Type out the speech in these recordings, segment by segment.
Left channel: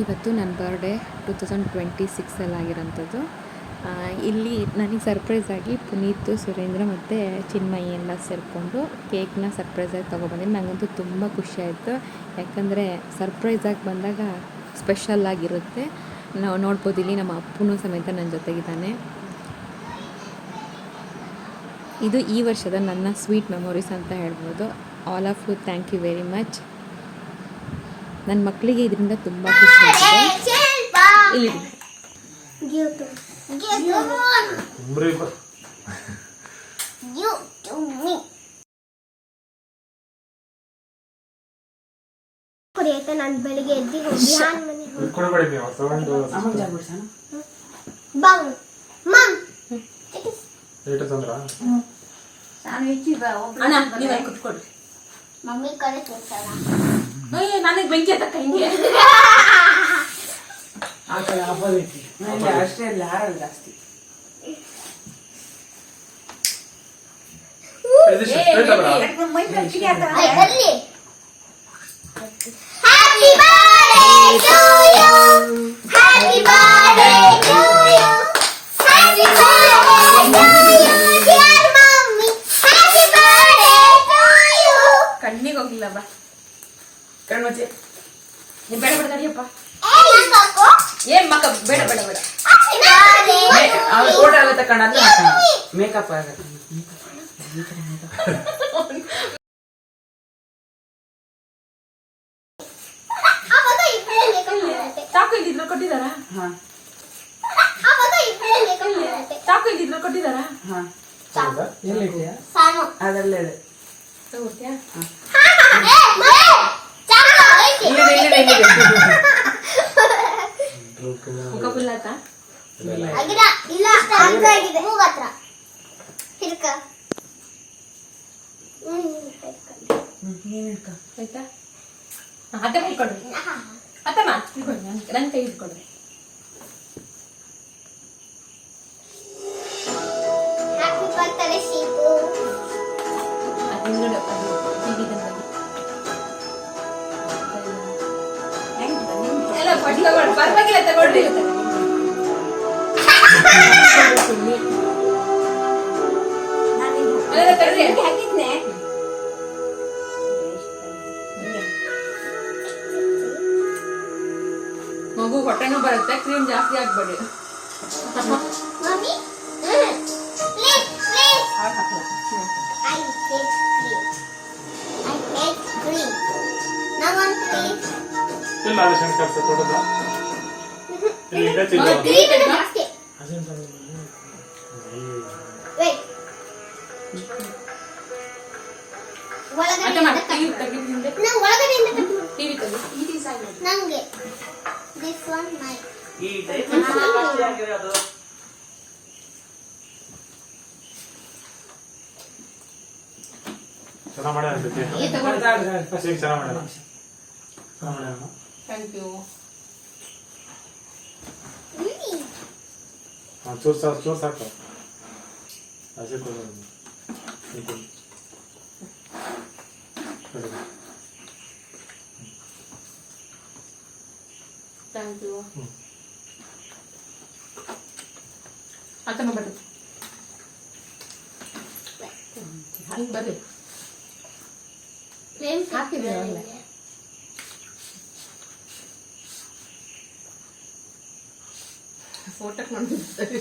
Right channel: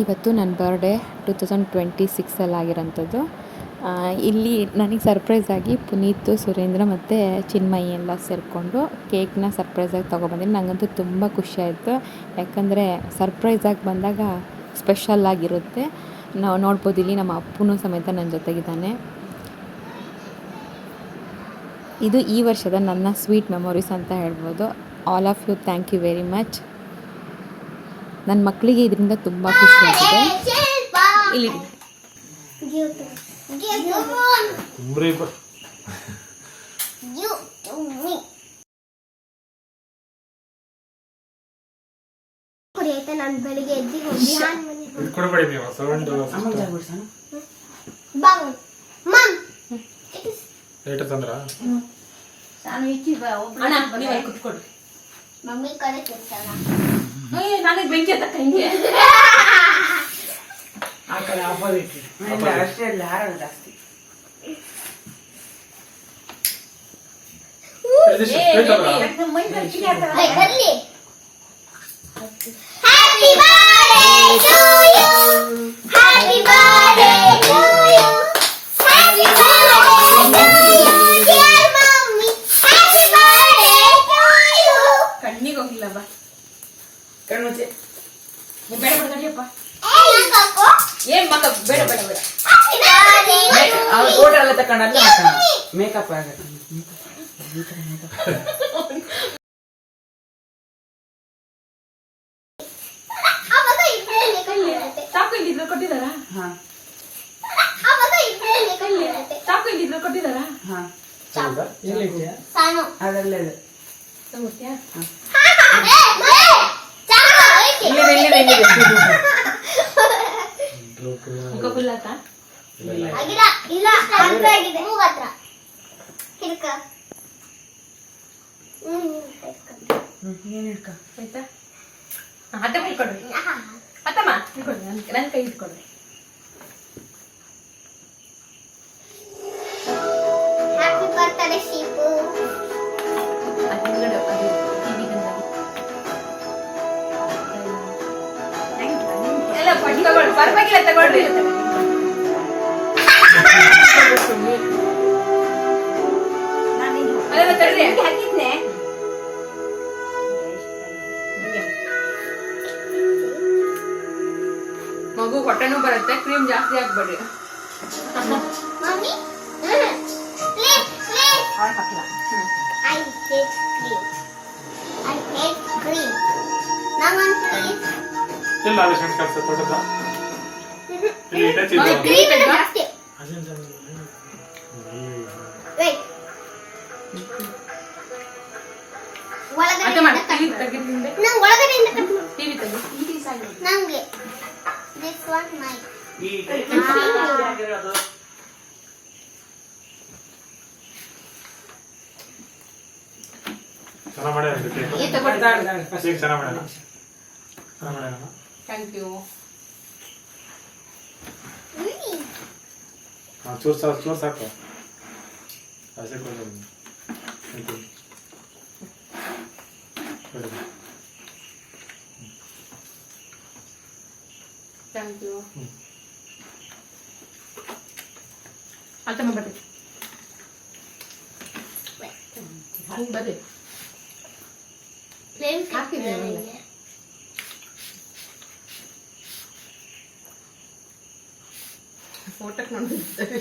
ಇವತ್ತು ನನ್ನ ಬರ್ಡೇ 2026 ಆಗಿರೋಂಥದ್ದು. ಇಲ್ಲಿ ನನಗೆ ಸರ್ಪ್ರೈಸಾಗಿ ಪುನೀತ್, ಸುರೇಂದ್ರ ಮತ್ತು ಚಿನ್ಮಯಿ ಎಲ್ಲ ಸೇರಿಕೊಂಡು ಕೇಕ್ನ ಸರ್ಪ್ರೈಸಾಗಿ ತೊಗೊಬಂದಿನಿ. ನನಗಂತೂ ತುಂಬ ಖುಷಿಯಾಯಿತು, ಯಾಕಂದರೆ ಸರ್ಪ್ರೈಸಾಗಿ ಬಂದಾಗ ಸ್ಪೆಷಲ್ಲಾಗಿರುತ್ತೆ. ನಾವು ನೋಡ್ಬೋದು, ಇಲ್ಲಿ ನಮ್ಮ ಅಪ್ಪನೂ ಸಮೇತ ನನ್ನ ಜೊತೆಗಿದ್ದಾನೆ. ಇದು ಈ ವರ್ಷದ ನನ್ನ ಸ್ವೀಟ್ ಮೆಮೊರೀಸ್ ಅಂತ ಹೇಳ್ಬೋದು. All of you, thank you very much. ನನ್ನ ಮಕ್ಕಳಿಗೆ ಇದರಿಂದ ತುಂಬ ಖುಷಿಯಾಗಿದೆ. ಇಲ್ಲಿ ನಾನು ಬೆಳಿಗ್ಗೆ ಎದ್ದು ಮಮ್ಮಿ ಕಡೆ ನನಗೆ ಬೆಂಕಿ ಹತ್ತಕ್ಕ ಹಿಂಗೆ ಅಷ್ಟೇ ಜಾಸ್ತಿ ಕಣ್ಣಿಗೆ ಹೋಗಿಲ್ಲ ಬಾ ಕಣ್ಮುಚ್ಚಿ ಬೇಡ ಬೇಡ ನಡಿಯಪ್ಪ ಏನ್ ಮಕ್ಕ ಬೇಡ ಬೇಡ ಬೇಡ ಅವ್ರು ಫೋಟೋ ಎಲ್ಲ ತಕೊಂಡಲ್ಲ ಮೇಕಪ್ ಆಗತ್ತೆ ಚಾಕು ಇಲ್ಲಿದ್ರು ಕೊಟ್ಟಿದಾರಾ? ಚಾಕು ಇಲ್ಲಿದ್ರು ಕೊಟ್ಟಿದಾರಾ? ಅದಲ್ಲೇ ಇದೆ. ಅತ್ತೆ ಇಟ್ಕೊಡ್ರಿ, ಅತ್ತಮ್ಮ ಇಟ್ಕೊಡ್ರಿ, ನನ್ನ ಕೈ ಇಟ್ಕೊಡ್ರಿ. ಹಿಂಗಡೆ ಅದು ಟಿವಿ ಎಲ್ಲ ಪಟ್ಟಿ ತಗೊಳ್ಳಿ, ಪರವಾಗಿಲ್ಲ ತಗೊಳ್ರಿ. ಅದೆಲ್ಲ ತಡ್ರಿ, ಹಾಕಿದ್ನೆ ಮಗು ಹೊಟ್ಟೆನೂ ಬರುತ್ತೆ. ಕ್ರೀಮ್ ಜಾಸ್ತಿ ಹಾಕ್ಬೇಡಿ. Thank you. ಚೂರ್ ಸಾಕು ಥ್ಯಾಂಕ್ ಯು. ಅತ್ತಮ್ಮ ಬರ್ರಿ, ಬರ್ರಿ. ಹಾಕಿದ್ದೆ ಫೋಟೋಕ್ಕೆ ನೋಡ್ತಿದ್ದಾರೆ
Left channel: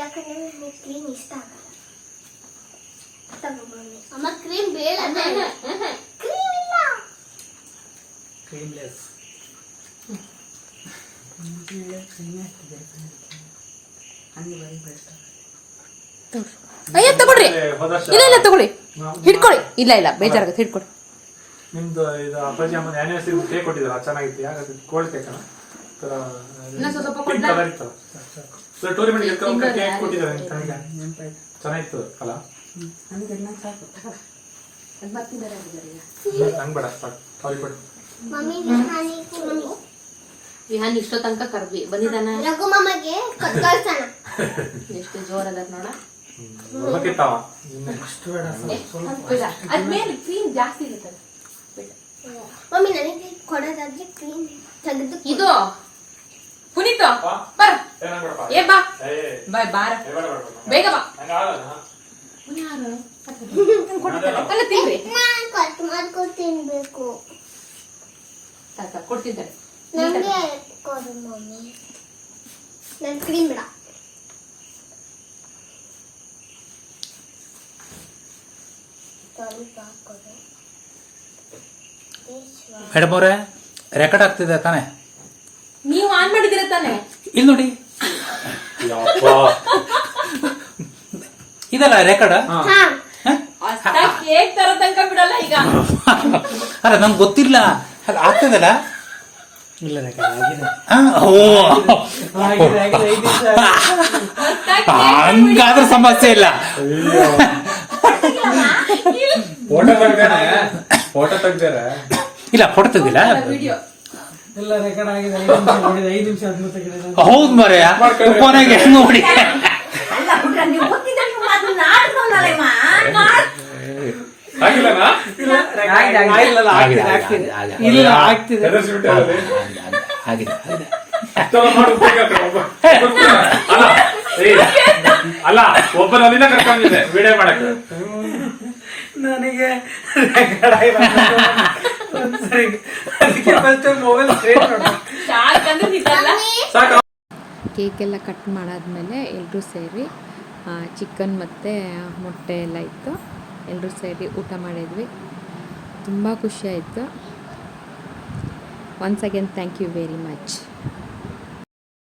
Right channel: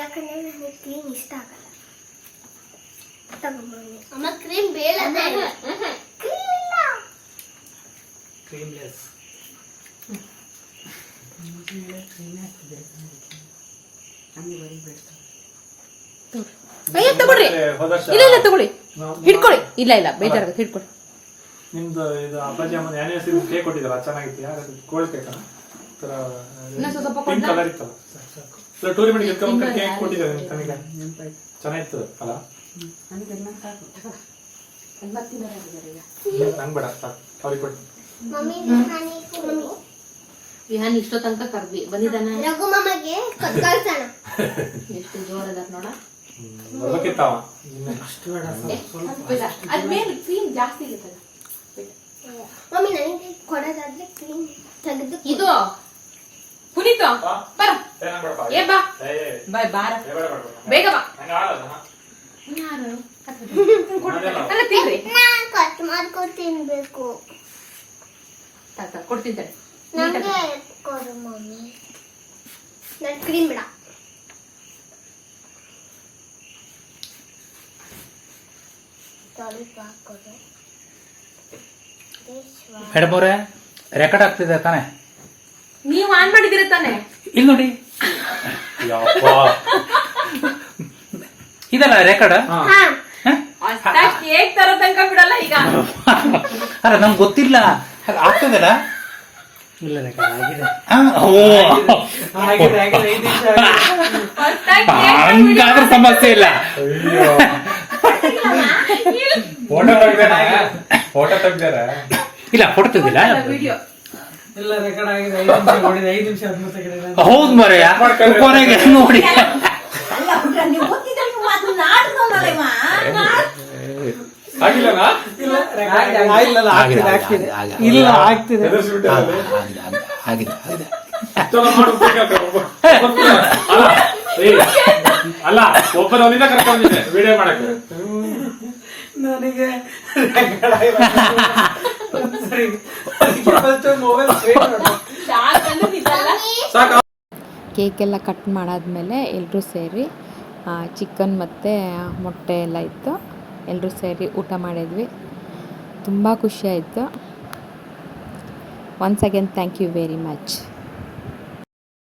ಯಾಕಂದ್ರೆ ಕ್ರೀಮ್ ಇಷ್ಟ ಆಗಲ್ಲ. ಅಮ್ಮ ಕ್ರೀಮ್ ಬೇಡ, ಕ್ರೀಮ್ ಇಲ್ಲ, ಕ್ರೀಮ್ಲೆಸ್. ಅಯ್ಯ ತಗೊಳ್ರಿ, ಇಲ್ಲ ಇಲ್ಲ ತಗೊಳ್ಳಿ, ಹಿಡ್ಕೊಳ್ಳಿ. ಇಲ್ಲ ಇಲ್ಲ ಬೇಜಾರಾಗುತ್ತೆ, ಹಿಡ್ಕೊಳ್ಳಿ. ನಿಮ್ದು ಇದು ಅಪ್ಪಾಜಿ ಅಮ್ಮನ ಆನಿವರ್ಸರಿ ಕೇಕ್ ಕೊಟ್ಟಿದ್ದಾರೆ, ಚೆನ್ನಾಗಿತ್ತು. ಯಾಕಂದ್ರೆ ಕೋಲ್ಡ್ ಕೇಕ್ ಸ್ವಲ್ಪ ಕಲರ್ ಇತ್ತು. ಟೂರ್ನಮೆಂಟ್ ಕೇಕ್ ಕೊಟ್ಟಿದ್ದಾರೆ, ಚೆನ್ನಾಗಿತ್ತು ಅಲ್ಲ? ಅನ್ಬೇಡ ಅವ್ರಿಗೆ ಕೊಟ್ಟು. ವಿಹಾನ್ ಇಷ್ಟೋ ತನಕ ಕರ್ವಿ ಬಂದಿದ್ದಾನ. ರಘು ಮಾಮಗೆ ಕತ್ಕಳ್ಸೋಣ. ಎಷ್ಟು ಜೋರದ ನೋಡ. ಬರ್ಬೇಕಿತ್ತವ ಅದ್ಮೇಲೆ ಕ್ರೀಮ್ ಜಾಸ್ತಿ ಇರುತ್ತಲ್ಲ. ಮಮ್ಮಿ ನನಗೆ ಕೊಡೋದಾದ್ರೆ ಕ್ರೀಮ್ ತೆಗೆದು ಇದು ಪುನೀತ್ ಬರ ಏ ಬಾ ಬಾಯ್ ಬಾರ ಬೇಗ ಬಾ ಅಲ್ಲ ತಿನ್ರಿ ನಾನು ಕಟ್ ಮಾಡ್ಕೊಂಡು ತಿನ್ಬೇಕು ತಾತ ಕೊಡ್ತಿದ್ದಾರೆ ನನಗೆ ಕೊಡು ಮಮ್ಮಿ ನಾನು ಕ್ರೀಮ್ ಬೇಡ ಸ್ವಲ್ಪ ಕೊಡು ಮೇಡಮ್ ಅವರೇ ರೆಕಾರ್ಡ್ ಆಗ್ತಿದೆ ತಾನೇ ನೀವು ಆನ್ ಮಾಡಿದಿರ ತಾನೆ ಇಲ್ಲಿ ನೋಡಿ ಇದಲ್ಲ ರೆಕಾರ್ಡ್ ಹಾ ಕೇಕ್ ತರೋ ತನಕ ಬಿಡಲ್ಲ ಈಗ ಅಲ್ಲ ನಂಗೆ ಗೊತ್ತಿಲ್ಲ ಅದು ಆಗ್ತದಲ್ಲ ಇಲ್ಲ ರೆಕಾರ್ಡ್ ಆಗಿದೆ ಓ ಆಗಿದೆ 5 ನಿಮಿಷ ಹಂಗಾದ್ರೆ ಸಮಸ್ಯೆ ಇಲ್ಲ ಫೋಟೋ ತೆಗ್ದಾರ ಇಲ್ಲ ಫೋಟೋ ತೆಗ್ದಿಲ್ಲ ವಿಡಿಯೋ ಎಲ್ಲ ರೆಕಾರ್ಡ್ ಆಗಿದೆ 5 ನಿಮಿಷ ನೋಡಿದೆ 5 ನಿಮಿಷ 10 ಸೆಕೆಂಡ್ ಹೌದು ಮರೆಯ ಕೊನೆಗೆ ನೋಡಿ ಆಗಿಲ್ಲನಾ ಇಲ್ಲ ಆಗ್ತಿದೆ ಆಗಿದೆ ಅಲ್ಲ ಒಬ್ಬರ ಒಂದಿನ ಕರ್ಕೊಂಡಿದ್ದೆ ವಿಡಿಯೋ ಮಾಡಕ್ಕೆ ನನಗೆ ರೆಕಾರ್ಡ್ ಆಗಿಲ್ಲ ಸರಿ ಅದಕ್ಕೆ ಫಸ್ಟ್ ಮೊಬೈಲ್ ಸಾಕು ಕೇಕೆಲ್ಲ ಕಟ್ ಮಾಡಾದ್ಮೇಲೆ ಎಲ್ಲರೂ ಸೇರಿ ಚಿಕನ್ ಮತ್ತು ಮೊಟ್ಟೆ ಎಲ್ಲ ಇತ್ತು ಎಲ್ಲರೂ ಸೇರಿ ಊಟ ಮಾಡಿದ್ವಿ ತುಂಬ ಖುಷಿಯಾಯಿತು once again thank you very much